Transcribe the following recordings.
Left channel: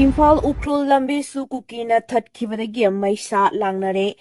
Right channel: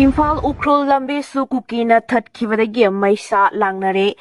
Imphal Ukrul Lambi su Kuki na Thatkhibadagi Maisa Nare.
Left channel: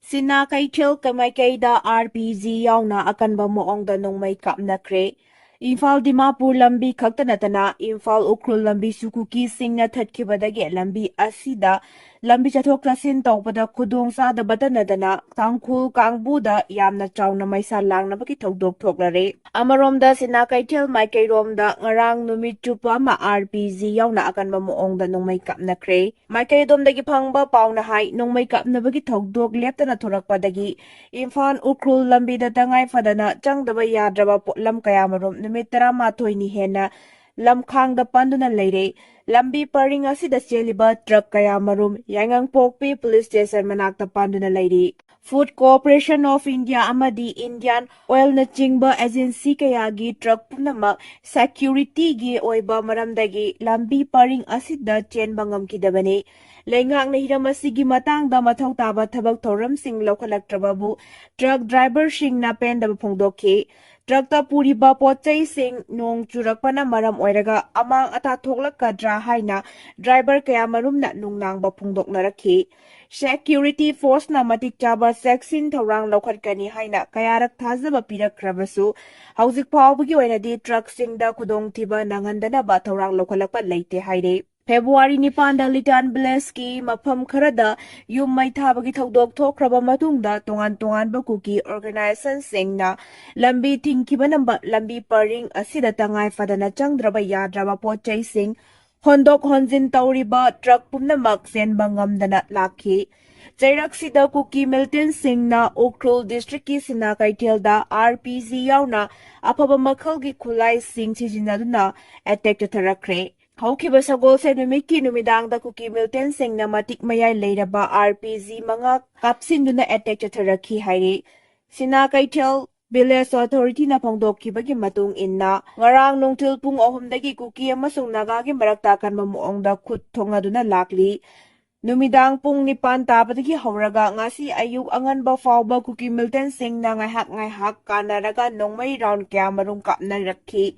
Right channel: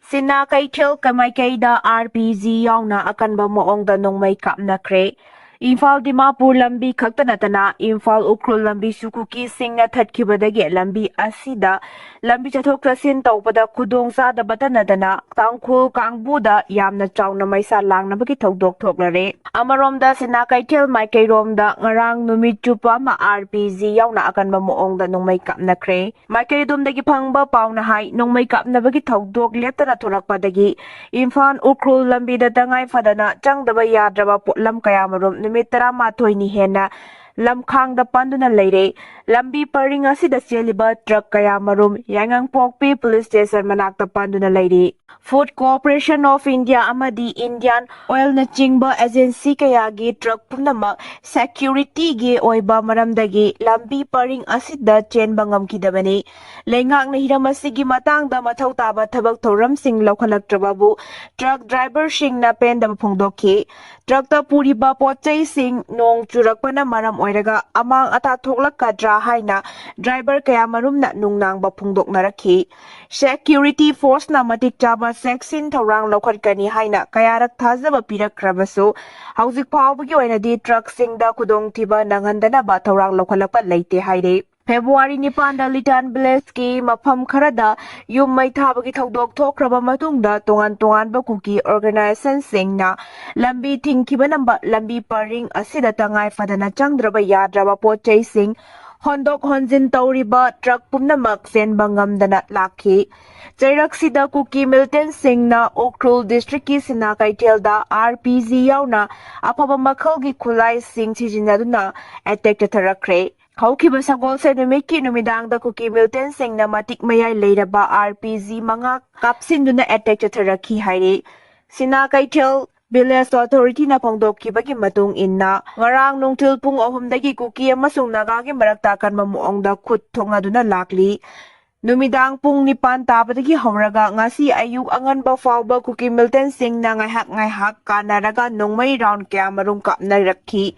Singna Kaichel Kamaikaida RPG yauna Akanba Mawongda nongmai Kapnakhre. Imphal Dimapur Lambi Khaktanatana Imphal Ukrul Lambi su Kuki Singna Thatkhibadagi Lambi Asida Lambi Chathok Chasin Tawpada Kudong Sadabata Nadana Tangkhul Kangbuda Yamna Chawna Maisa Langnabagi Thokdok Thoklare. Amaromda Singna Kaichel Maikairomda Ngarang Numit Chupa ma RPG yauna Akanba Mawongda nongmai Kapnakhre. Maikaidomdagi Phangba Pauna Hai nongmai Kapnabagi Thokdok Leptana Thorakpadagi Imphal Ukrul Lambi da Tangai Fadana Changdaba Yadraba Potlam Kayamarum Numit 12 hena Lamkhangda Panduna Leire Lambi Paring asida Celiba Truck Kayamarum Yangang Pokpi Police Station Manakta Panduna Leire Food Corporation of India Amadi Indian Oil na Chingba Agency Kayagi Truck Punama Security Gi Oiba Maramdagi Lambi Paring asida Chen Bangam Kidabani Lengang na Hiramasigi Matangda Matau Taba Tabak Thoram Sing Lokalak Trababu Truck Driver Singna Penda Pongdoki Truckta Puriba Pochai Sing Nong Churakpana Maram Oiraga Amang Ata Thoklakadra Haina Driver Kayamarum na Nungnang Bapungdok Naraki Security Force na Matik Chaba Sexin Taurang Lokatkani Haina Kayarak Thazaba Pirakrabaso Hauzik Pawbagi Oinadi Truck Singda Kudong Tiba Nangandana Ba Taurang Lokalapat Leite Haide February 9 Litan Bleski Mafam Karada Yum Mai Thabagi Thokdok Thokraba Matungda Tongan ba Kuki Organization Singna Lambi Thingkibanamba Lambi Paring Asida Tangai Fadana Changdraba Yadraba Pochai Sing Hondok Honjin Tauriba Truck Pumnamak Senba Ngamdana Lakhi Jairaksida Kuki Milton Singna Ukrul District ki Sina Kaitelda RPG yauna Apaba Makhalgi Kulai Sing Sijinaduna Attack Thatkhibadagi Haukiba Sagol sa numiki numidang da Kuki Milton Singna Matik Mayay Leiraba RPG mga kapsinduna attack Thatkhibadagi hairi Sina Kaitel Village Authority na Pongdokibagi Matung Inna Ngarang Nungtil Pung Ohumdagi Kuki amasung Nagagi Maraktakan Mawongda Khut Thongaduna Lakli Numidang Pung Nipan Tapadagi Hauraga Ngasi Ayuk Anganba Fawba Kuki Milton Singna Ngaihak Kanaraga Nongmai Round Kayamarum Kapnarakhi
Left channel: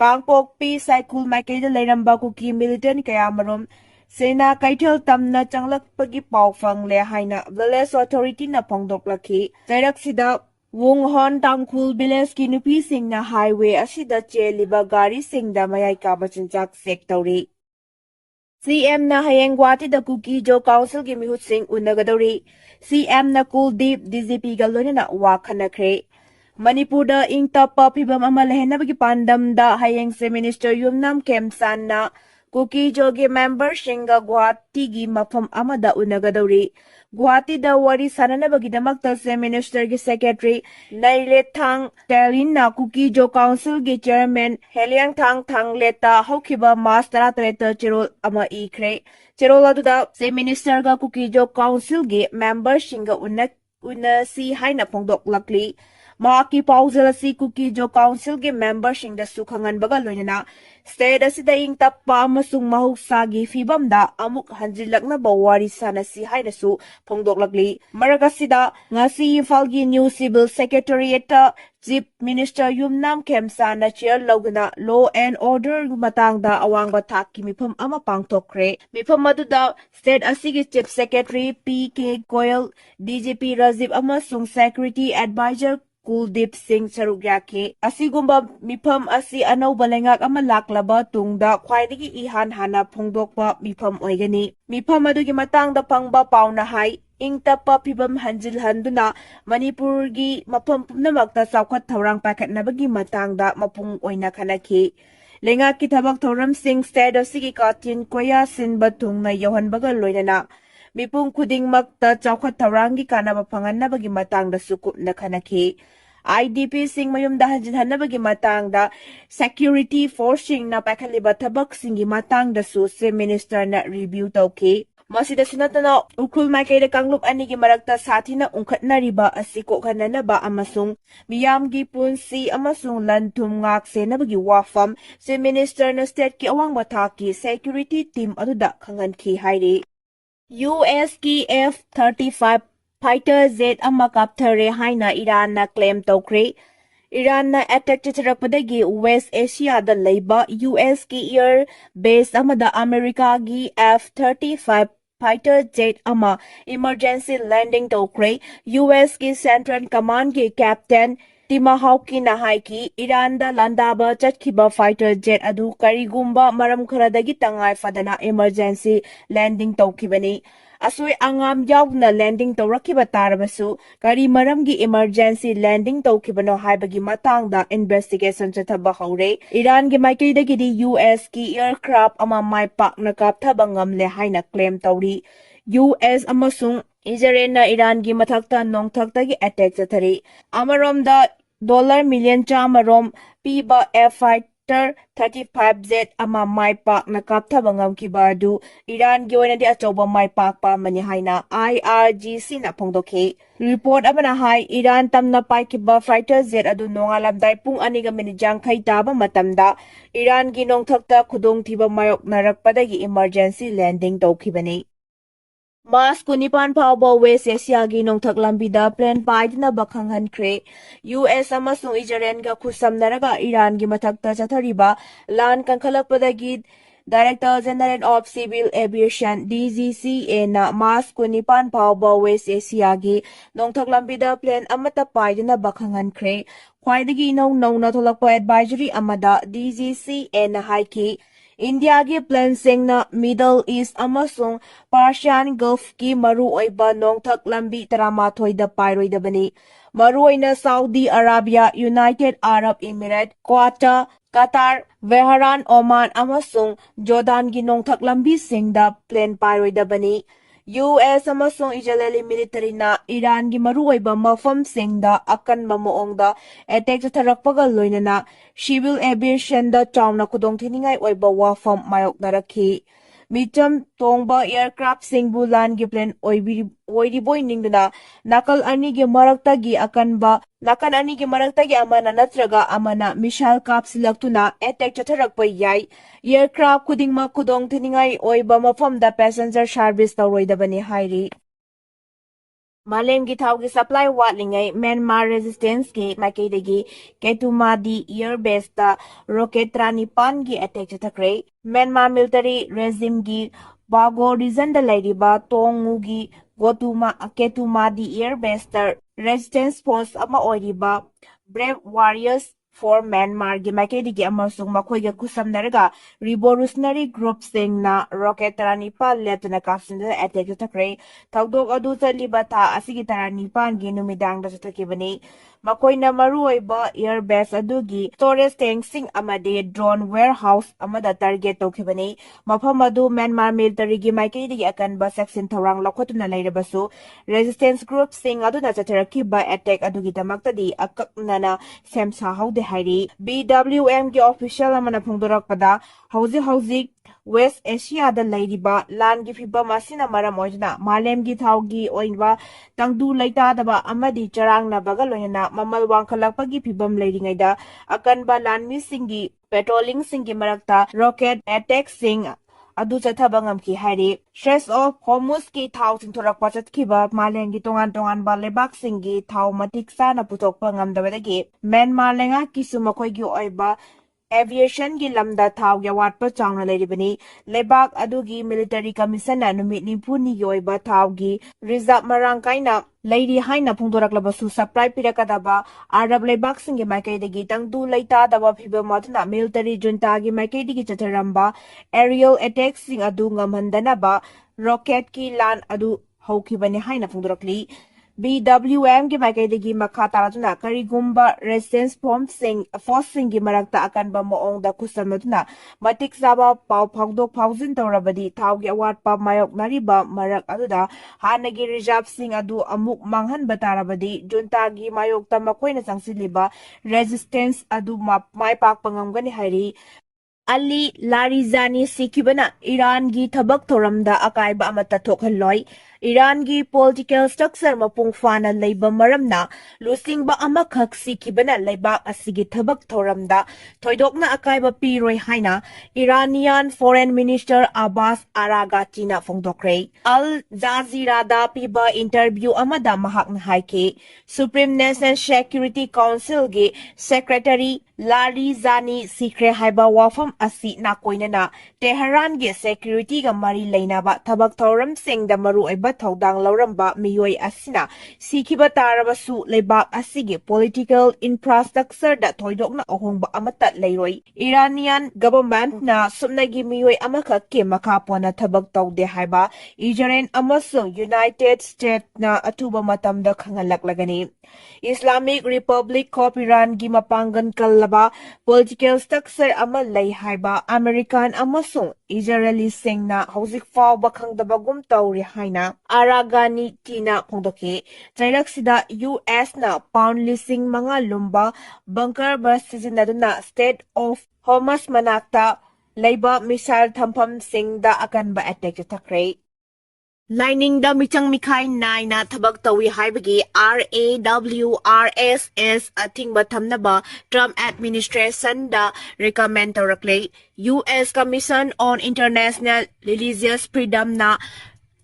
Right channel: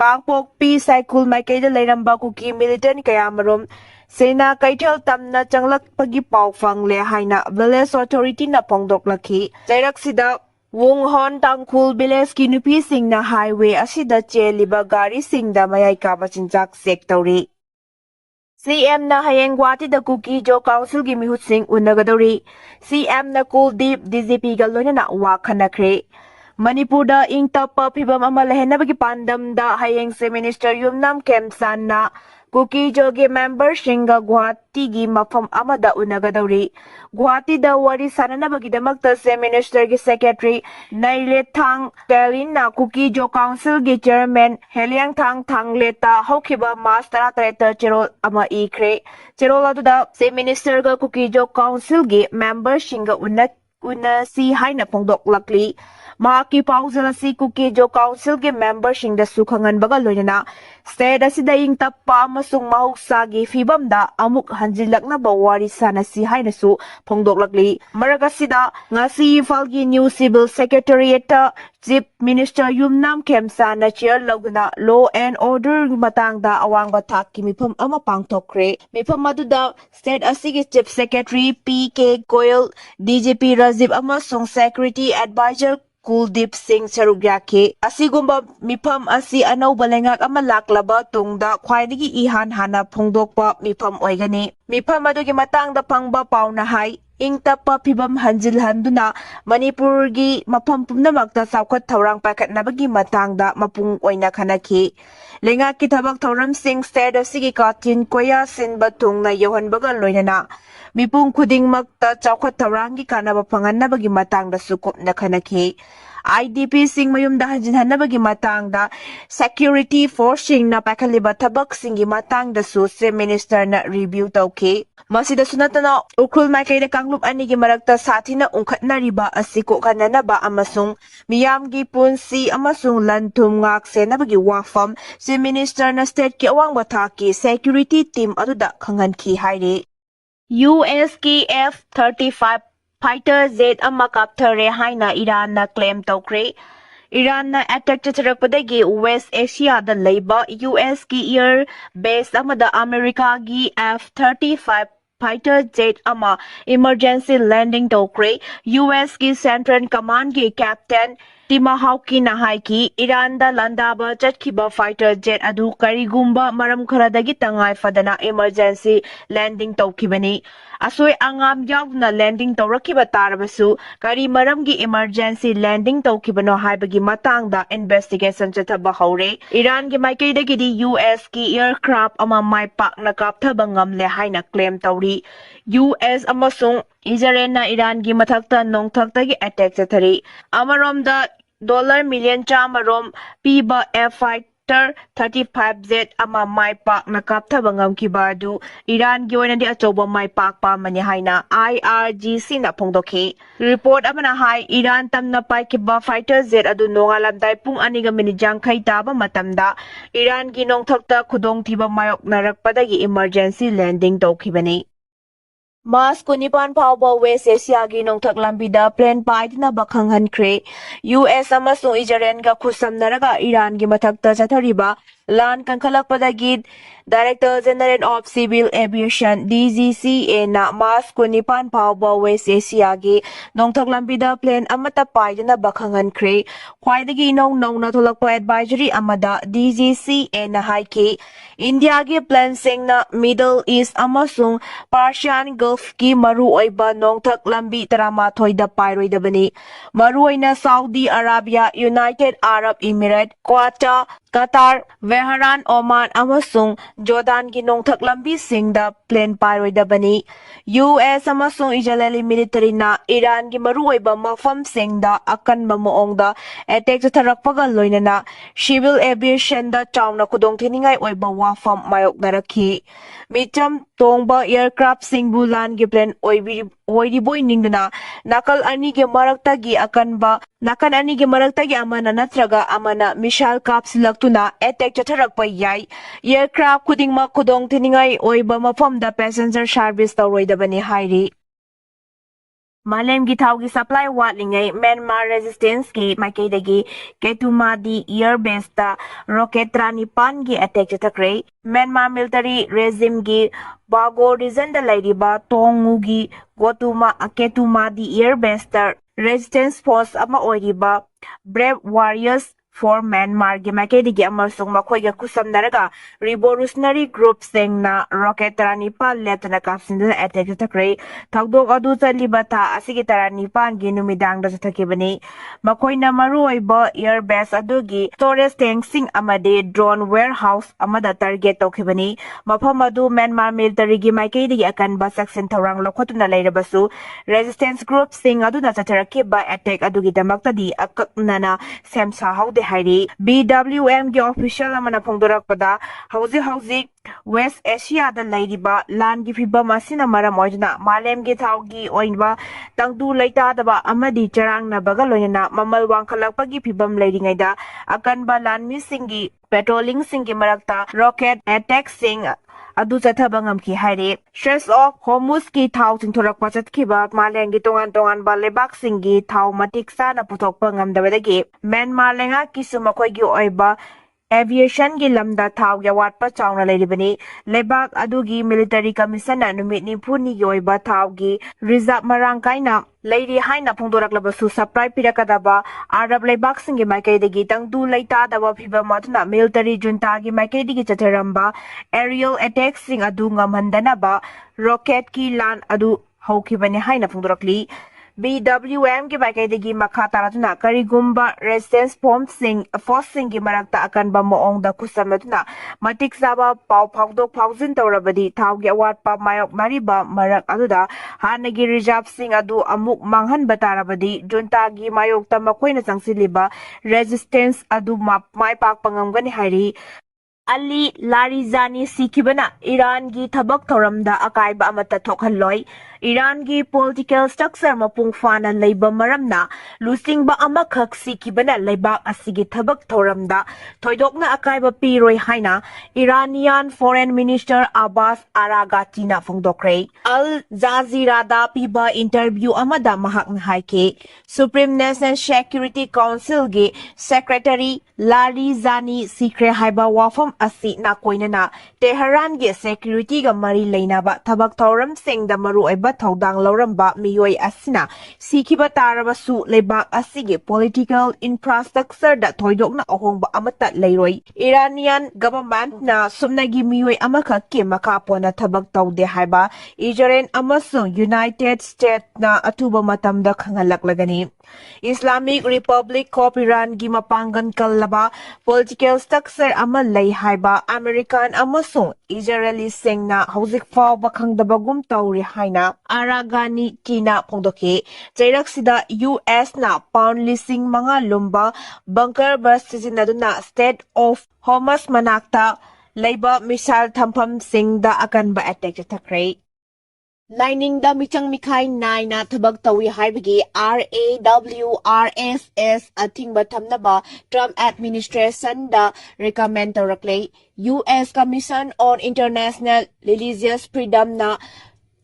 Kangpok P Cycle Maikaida Leiramba Kuki Militant Kayamarum Sena Kaitel Tamna Changlak Pagi Pawfang Le Haina Village Authority na Pongdoklaki Jairaksida Wung Hon Tangkhul Village ki nupi Singna Highway asida cheliba gari Singda Mayai Kabachinjak Sectori CM na Hayeng Guwahati da Kuki Jo Council gi Mihut Sing Unagadori CM na Kuldeep DGP galona na Wakhanakre Manipur da Ingtapa Phibam ama lehenabagi pandam da Hayeng se Minister Yumnam Kemsan na Kuki Jogi member Shinga Guwahati gi mafam amada Unagadori Guwahati da wari sananabagi damakta se Minister gi Secretary Naile Thang Telin na Kuki Jo Council gi Chairman Heliang Thangleta Haukiba Mas 13 Cherol ama ikre Cherol aduda se Minister ga Kuki Jo Council gi member Shinga una si haina pongdok lakli Maki Pausel si Kuki Jo Council ge member Shingda Sukhangan baga loinana State asida Ingtapa amasung mahuksagi fibamda amuk hanjilakna bawari sana si hainasu pongdoklakli maragasida ngasi Falgi New Civil Secretariat Chief Minister Yumnam Kemsan na chair logna Law and Order matangda awangba thakki mifam ama pangthokre mifam aduda State asigi Chief Secretary PK Goyal DGP Rajiv amasung Security Advisor Kuldeep Singh Sarugyake asigumba mifam asi anauba lengak ama laklaba tungda khwaidagi ihan hana phongdokpa mifam oigani mifam adugi matangda pangba pauna hai Ingtapa Phibam Hanjilhanduna Manipurgi mafam pumnamakta Saukhat Thaurang Pakhatnabagi matangda mapung oina khanaki Lengaki Thabak Thoram Singh State asigi Katin Koya Sinba Tungna Yohanbaga loinana Mipung Khudingmakta Saukhat Thaurangi kanaba phanganabagi matangda sukupna khanaki IDP Singh Mayumda Hanjinhanabagi matangda Security Force Singna Pakhaliba Thabak Singhi matangda su se Minister na review tawki Masida sunatana Ukrul Maikaida Kanglup anigi marakta sathina ungkhatnariba asi kokhananaba amasung miyamgi punsi amasung lanthum ngak senabagi wafam se Minister na State ki awangba thaki security team aduda khanganki haire US ki F-35 fighter jet ama kapthare haina Iran na claim tawkre Iranna attack chatarakpadagi West Asiada laiba US ki air base amada America gi F-35 fighter jet ama emergency landing tokre US ki Central Command ki Captain Timahawki na haiki Iranda landaba chatkiba fighter jet adu karigumba maram kharadagi tangai fadana emergency landing tokibani asoi angam yauna landing tawrakiba tarabasu kari maramgi emergency landing tawkibano haibagi matangda investigation chathaba haure Iran gi maikaidagi di US ki aircraft ama maipak na kapthaba ngamle haina claim tawri US amasung Israel na Iran gi mathakta nongthakta gi attack chathari amaromda dollar million chamarom piba F5 35Z ama mai pak na kapthaba ngamkiba adu Iran gi oinadi achoba mai pak pa mani haina IRGC na phongdokhi report amana hai Iran tamna paikiba fighter jet adu nongalamdai pung aniga minijang khai taba matamda Iran gi nongthakta khudong thiba mayok narakpadagi emergency landing tawkhibani Mas kunipan phawba West Asia gi nongthak lambida plan paidna bakhanghankre US amasung Israel ga khusamnaraga Iran gi mathakta chathariba lan kankhalakpadagi Director General of Civil Aviation DGCA na Mas kunipan phawba West Asia gi nongthak lambida plan amata paidna bakhanghankre khwaidagi nong na tholakpa advisory amada DGCA na haiki India gi plan Singna Middle East amasung Persian Gulf ki maru oiba nongthak lambi taramathoida pairoidabani maru oina Saudi Arabia United Arab Emirates Qatar Bahrain Oman amasung Jordan gi nongthak lambi singda plane pairoidabani US amasung Israeli military na Iran gi maru oiba mafam singda Akanba Mawongda attack charakpaga loinana civil aviation da chauna khudong thiningai oiba wafam mayok narakhi micham tongba aircraft singbu lan gi plan oiriboi ningduna nakal ani gi marakta gi Akanba nakan ani gi marakta gi amana natraga amana missile kapsilaktuna attack chatharakpa yai aircraft khudingma khudong thiningai oiba mafamda passenger service tawroidabani hairi Malemgi thaugi supply watlingai Myanmar resistance ke maikaidagi Ketumadi air base ta rocket tranipan gi attack chathakre Myanmar military regime gi Bago region da lairiba Tongu gi Ketumadi air base ta resistance force ama oiriba Brave Warriors for Myanmar gi maikaidagi amasung makhoiga kusamnaraga revolutionary group singna rocket tranipan letna kapsindana attack chathakre thagdok adu chaliba tha asigi taranipan gi numidang da chathakibani makoina maruoiba air base adugi storage tank sing amade drone warehouse amada target tawkhibani mafam adu Myanmar military gi maikaidagi Akanba section thorang lokhotuna leirabasu resistance group sing aduna chatharakiba attack adugi damaktadi akaknana semsa haude hairi BWM gi official amana phongdorakpada hauji West Asia da lairiba lan gi phibam asina maram oidna malem gi thaugi oinba tangdu laita daba amadi charang na bagal loina mamal wangkhalakpagi phibam lairingaida Akanba lan mi singi patrolling singi marakta rocket attack sing adu chathaba ngamki haire stress of Hormuz ki thau chingthorakpa chatkhiba malengi tongan ba lebak singi thau matik sana puthokpa ngamdabadagi Myanmar lenga kisumakhoi gi oiba aviation gi lamda thau ya watpa chawna leiribani lebak adugi military commission na numit nimphuni yoiba thau gi reserve marang kaina leiri haina phongdoraklabasu supply pirakadaba arab lebak singi maikaidagi tangdu laita daba phiba matuna military junta gi maikaidagi chatharamba aerial attack sing adu ngamhandana ba rocket ki lan adu haukibani haina phongdorakli BWM gi maikaidagi makha taratuna karigumba resistance force sing gi marakta Akanba Mawongda kusamatuna matik saba pau phawdok phawjin tawrabadi thaugi awatpa mayok nariba marak aduda hanagi reserve sing adu amuk manghanba tarabadi junta gi mayokta makoina changsiliba resistance adu mai pak pangamgani hairi Ali Larijani sikibana Iran gi thabak thoramda akaiba amata thokhanloi Iran gi political structure mapung fana leiba maramna lusingba amakhak sikibana leibak asigi thabak thoramda thoidokna akaiba piroi haina Iranian Foreign Minister Abbas Aragati na phongdokre Al Jazeera da piba interview amada mahakna haike Supreme National Security Council gi Secretary Larijani sikre haiba wafam asi na koinana Tehran ge security ga mari leinaba thabak thoram sing da maru oiba thodang lauramba miyoi asina sikiba tarabasu lebak asige political infrastructure da thoidokna ahongba amata leiroi Iranian government na sumnagi miyoi amaka ke makapona thabak taude haiba Israel amasung United States na atuba matamda khangalaklagani Islamic Republic of Iran gi mapangan kallaba political structure ama lay haiba American amasung Israeli Singna hauzik fawba khangdabagum tawri haina Aragani tina phongdoke Chiraksida US na pound lising mga lumba bunker bus sizinaduna State of Hamas manakta layba missile thampham singda Akanba attack takre Lining da michang mikai nai na thabak tawi haibagi RAWRSS ating bathamnaba Trump administration da recommend tawrakle US Commission on International Religious Freedom na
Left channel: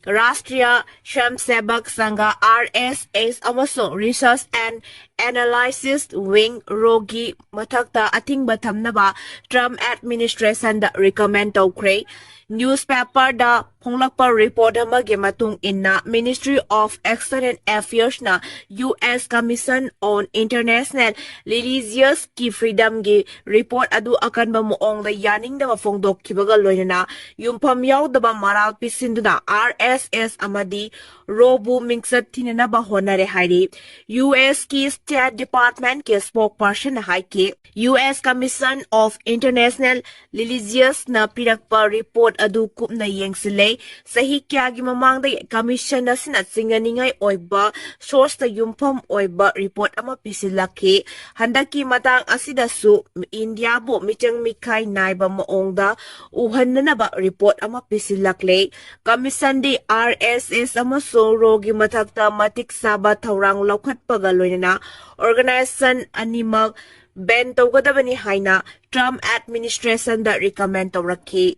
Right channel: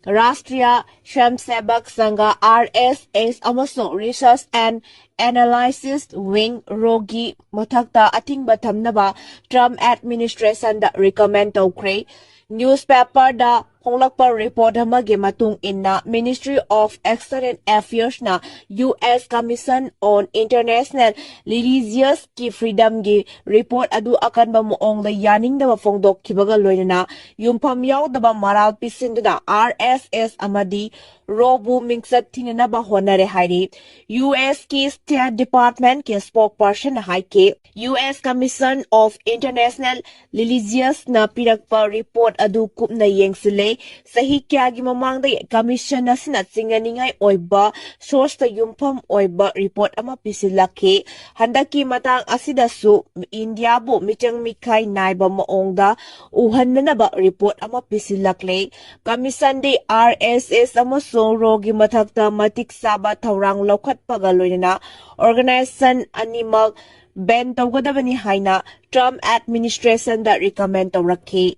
Rashtriya Swayamsevak Sangha RSS amasung Research and Analysis Wing Rogi mathakta ating bathamnaba Trump administration da recommend tawkre Newspaper da Ponglakpa report hamagi matung inna Ministry of External Affairs na US Commission on International Religious ki Freedom gi report adu Akanba Mawongda yaning da mafongdok kibaga loinana yumpham yaudaba maral pisinduna RSS amadi Robu mingsat tinanaba honare hairi US ki State Department ki spokesperson haike US Commission of International Religious na pirakpa report adu kupna yengsile sahi kyagi mamangda commission na sinatsinganingai oiba source ta yumpham oiba report ama pisilake handaki matang asidasu India bu michang mikai naiba maongda uhananaba report ama pisilakle commission di RSS ama so rogi mathakta matik saba thaurang lokhat pagaloina organization animal ban tawgadabani haina Trump administration da recommend tawrakhi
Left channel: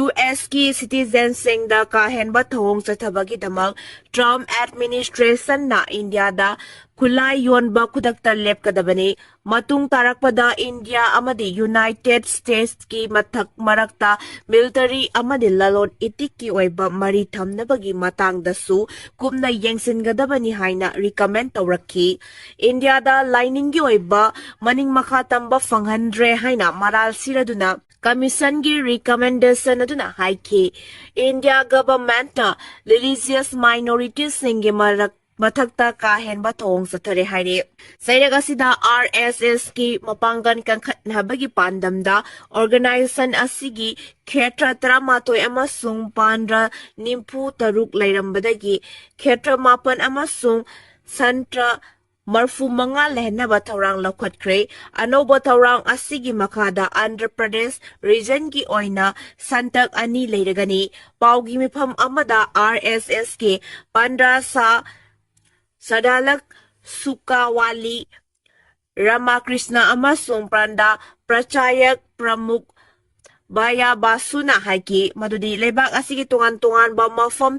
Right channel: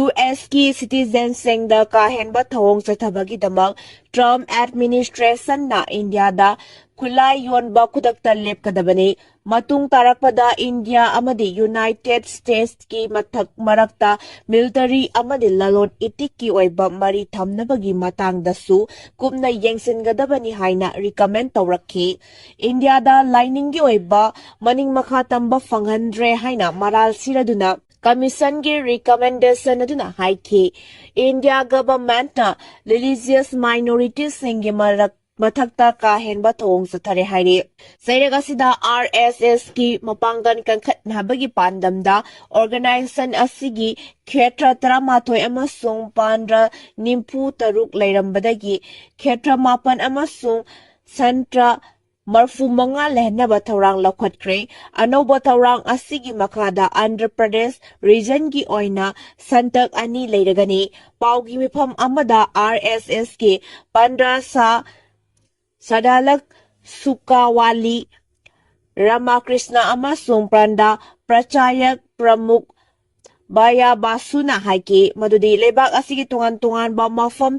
US ki citizen sengda kahenba thong chathabagi damang Trump administration na India da kulai yonba kudakta lepkadabani matung tarakpada India amadi United States ki marakta military amadi lalon itik ki oiba mari thamnabagi matangdasu kumna yengsingadabani haina recommend tawrakhi India da lining gi oiba maning makha tamba fanghandre haina maral siraduna Commission gi recommendation aduna haike India government na religious minorities singi mathakta kahenba thong sathare haire Sairagasida RSS ki mapangan kankhatnabagi pandamda organization asigi khetra taramatoi amasung pandra nimpu taruk lairambadagi khetra mapan amasung santra Marfu manga lehnaba thaurang lakhatkre anoba thaurang asigi makada Andhra Pradesh region gi oina santak ani leiragani paugi mifam amada RSS ke pandra sa sadalak sukawali Ramakrishna amasung pranda prachayak pramuk Baya basuna haiki madudi lebak asigi tungan ba mafam